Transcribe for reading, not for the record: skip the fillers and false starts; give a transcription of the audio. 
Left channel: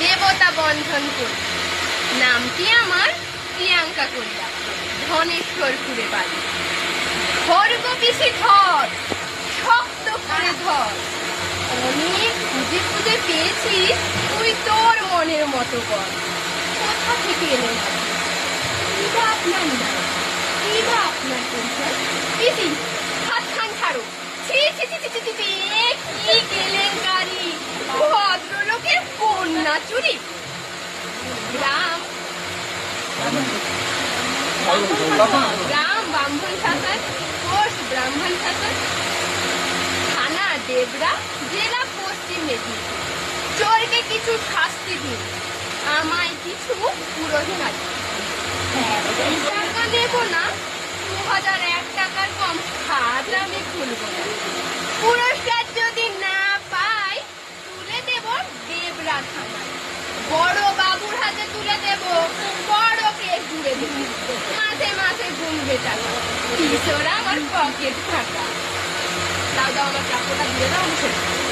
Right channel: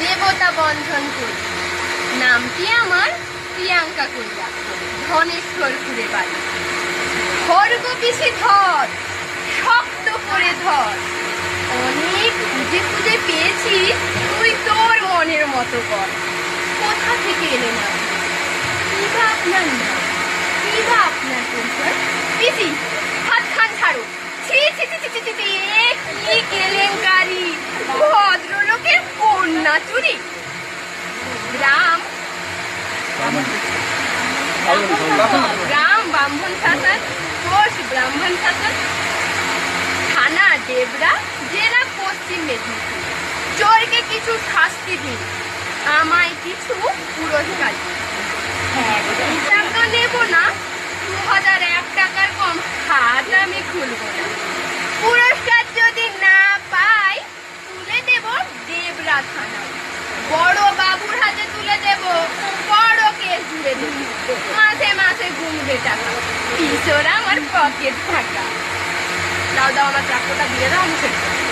দেবতা বন্ধন করি। নামটি আমার প্রিয়াঙ্কা করিয়া, ধনেশ্বরপুরে বাড়ি। ধর গো পিসি ধর, শক্ত করে ধর। অনেক খুঁজে খুঁজে পেয়েছি, তুই তোর মনের মতো কর। কোথা থেকে এলেন আপনি? কিবা আপনার নাম, কিবা আপনার পরিচয়? পিসি হাত খান ছাড়ো। ছি ছি ছি ছি ছি ছি, এ কি কেলেঙ্কারি! ভদ্রলোকের কন্যা চুরি। গ্রাম ব্রাহ্মণ শাসন, পোস্ট ব্রাহ্মণ শাসন, থানা ডেবরা, জেলা পশ্চিম মেদিনীপুর। চোরকে কিছু শাস্তি দিন, আমায় কিছু পুরস্কার দিন। হিসাব তো নেব না, 2001 টাকার কম হাত আমি খুলব না। পুরস্কার যদি না পাই, তুলে দেব দেবরা থানায়, বড় বাবুর হাতে তুলে দেব, বড় কেস জুড়ে দেব। মাসে মাসে গুনবে টাকা, পিছরা আমার পকেট ফাঁকা। দাও দাও, আমার প্রাপ্যটা দিয়ে দাও, আমি ছেড়ে দেবো।